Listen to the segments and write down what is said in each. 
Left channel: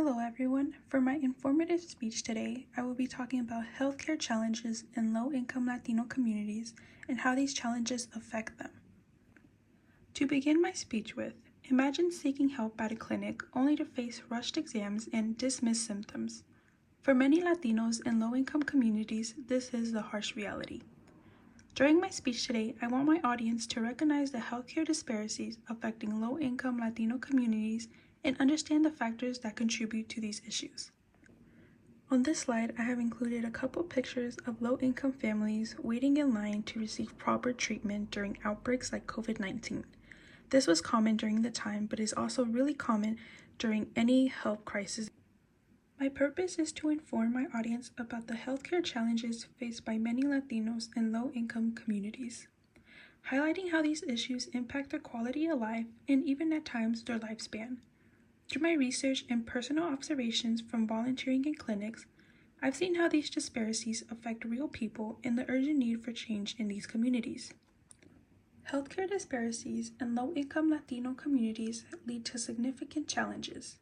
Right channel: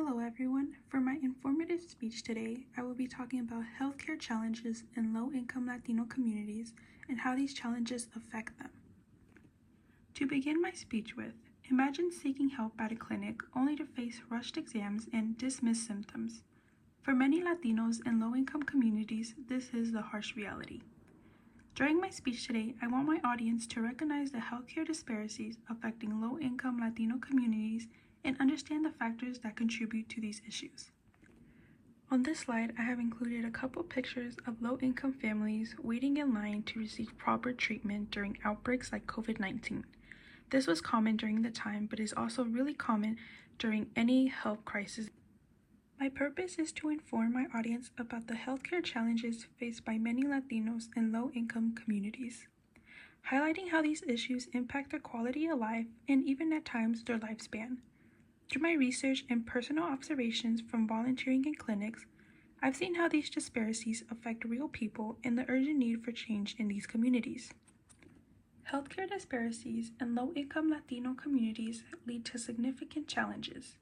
Hello everyone. For my informative speech today, I will be talking about healthcare challenges in low-income Latino communities and how these challenges affect them. To begin my speech with, imagine seeking help at a clinic only to face rushed exams and dismissed symptoms. For many Latinos in low-income communities, this is the harsh reality. During my speech today, I want my audience to recognize the healthcare disparities affecting low-income Latino communities and understand the factors that contribute to these issues. On this slide, I have included a couple pictures of low-income families waiting in line to receive proper treatment during outbreaks like COVID-19. This was common during the time, but is also really common during any health crisis. My purpose is to inform my audience about the healthcare challenges faced by many Latinos in low-income communities, highlighting how these issues impact their quality of life and even at times their lifespan. Through my research and personal observations from volunteering in clinics, I've seen how these disparities affect real people and the urgent need for change in these communities. Healthcare disparities in low-income Latino communities lead to significant challenges.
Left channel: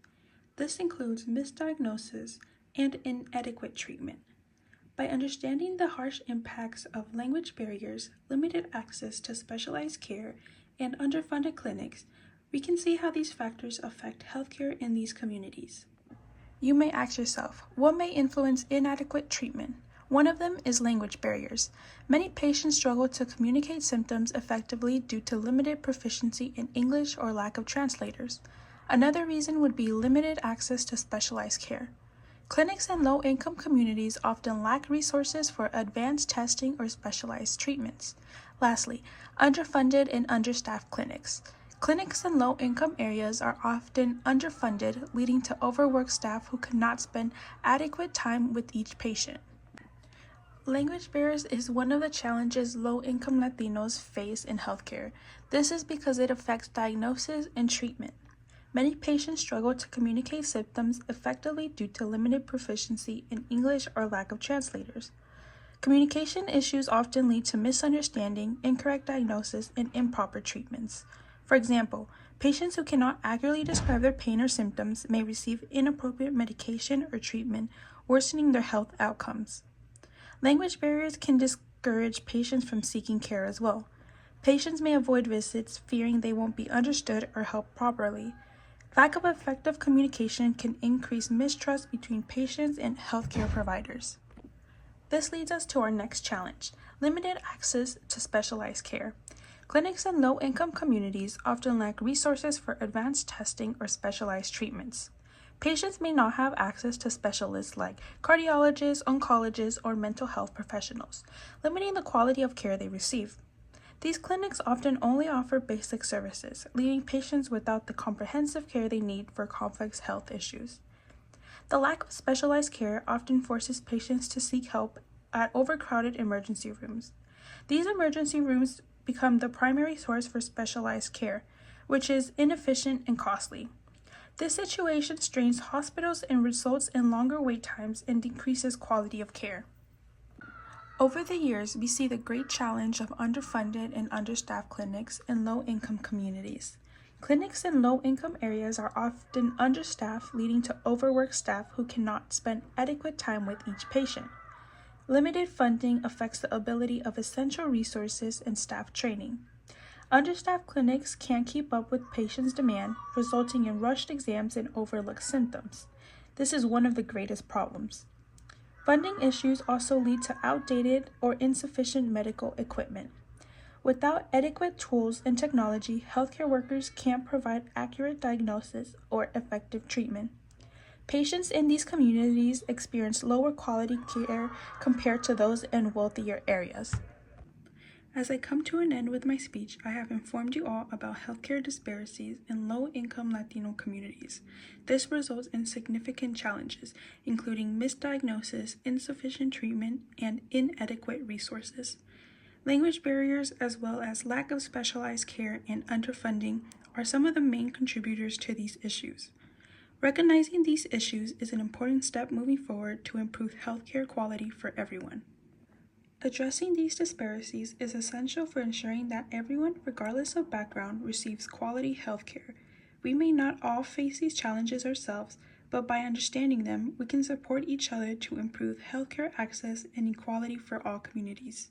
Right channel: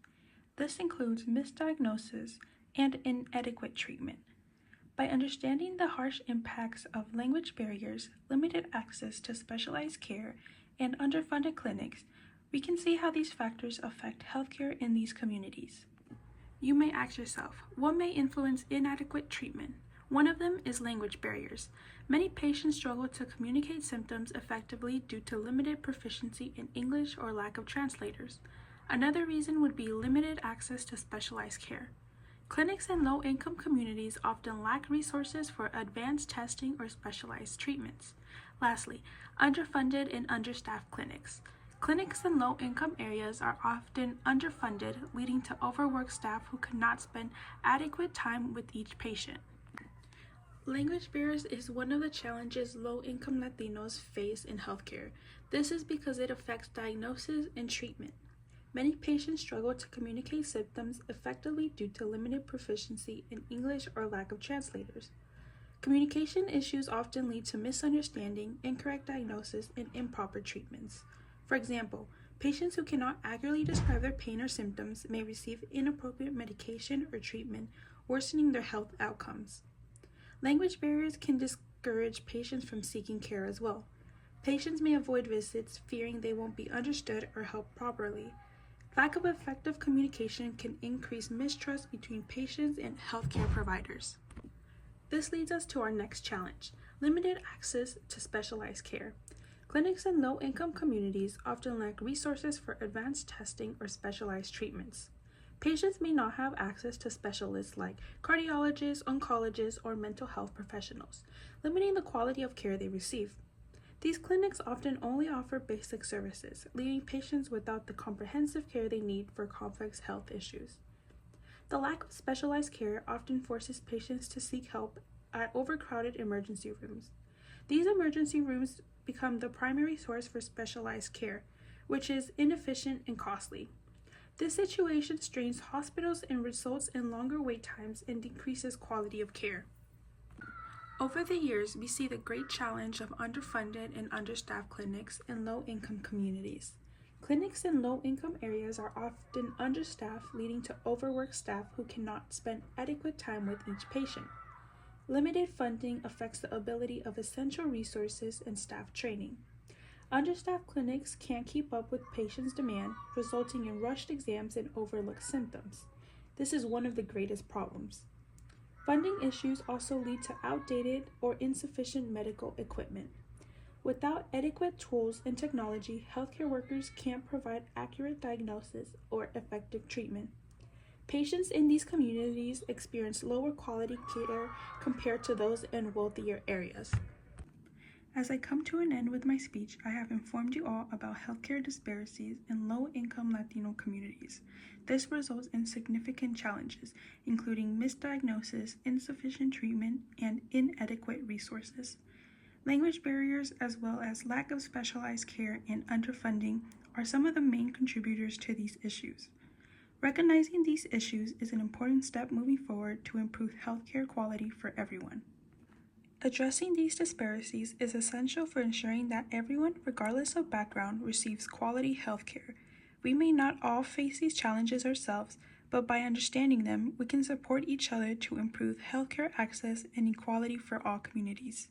This includes misdiagnosis and inadequate treatment. By understanding the harsh impacts of language barriers, limited access to specialized care, and underfunded clinics, we can see how these factors affect healthcare in these communities. You may ask yourself, what may influence inadequate treatment? One of them is language barriers. Many patients struggle to communicate symptoms effectively due to limited proficiency in English or lack of translators. Another reason would be limited access to specialized care. Clinics in low-income communities often lack resources for advanced testing or specialized treatments. Lastly, underfunded and understaffed clinics. Clinics in low-income areas are often underfunded, leading to overworked staff who cannot spend adequate time with each patient. Language barriers is one of the challenges low-income Latinos face in healthcare. This is because it affects diagnosis and treatment. Many patients struggle to communicate symptoms effectively due to limited proficiency in English or lack of translators. Communication issues often lead to misunderstanding, incorrect diagnosis, and improper treatments. For example, patients who cannot accurately describe their pain or symptoms may receive inappropriate medication or treatment, worsening their health outcomes. Language barriers can discourage patients from seeking care as well. Patients may avoid visits, fearing they won't be understood or helped properly. Lack of effective communication can increase mistrust between patients and healthcare providers. This leads us to our next challenge: limited access to specialized care. Clinics in low-income communities often lack resources for advanced testing or specialized treatments. Patients may not have access to specialists like cardiologists, oncologists, or mental health professionals, limiting the quality of care they receive. These clinics often only offer basic services, leaving patients without the comprehensive care they need for complex health issues. The lack of specialized care often forces patients to seek help at overcrowded emergency rooms. These emergency rooms become the primary source for specialized care, which is inefficient and costly. This situation strains hospitals and results in longer wait times and decreases quality of care. Over the years, we see the great challenge of underfunded and understaffed clinics in low-income communities. Clinics in low-income areas are often understaffed, leading to overworked staff who cannot spend adequate time with each patient. Limited funding affects the ability of essential resources and staff training. Understaffed clinics can't keep up with patients' demand, resulting in rushed exams and overlooked symptoms. This is one of the greatest problems. Funding issues also lead to outdated or insufficient medical equipment. Without adequate tools and technology, healthcare workers can't provide accurate diagnosis or effective treatment. Patients in these communities experience lower quality care compared to those in wealthier areas. As I come to an end with my speech, I have informed you all about healthcare disparities in low-income Latino communities. This results in significant challenges, including misdiagnosis, insufficient treatment, and inadequate resources. Language barriers, as well as lack of specialized care and underfunding, are some of the main contributors to these issues. Recognizing these issues is an important step moving forward to improve healthcare quality for everyone. Addressing these disparities is essential for ensuring that everyone, regardless of background, receives quality healthcare. We may not all face these challenges ourselves, but by understanding them, we can support each other to improve healthcare access and equality for all communities.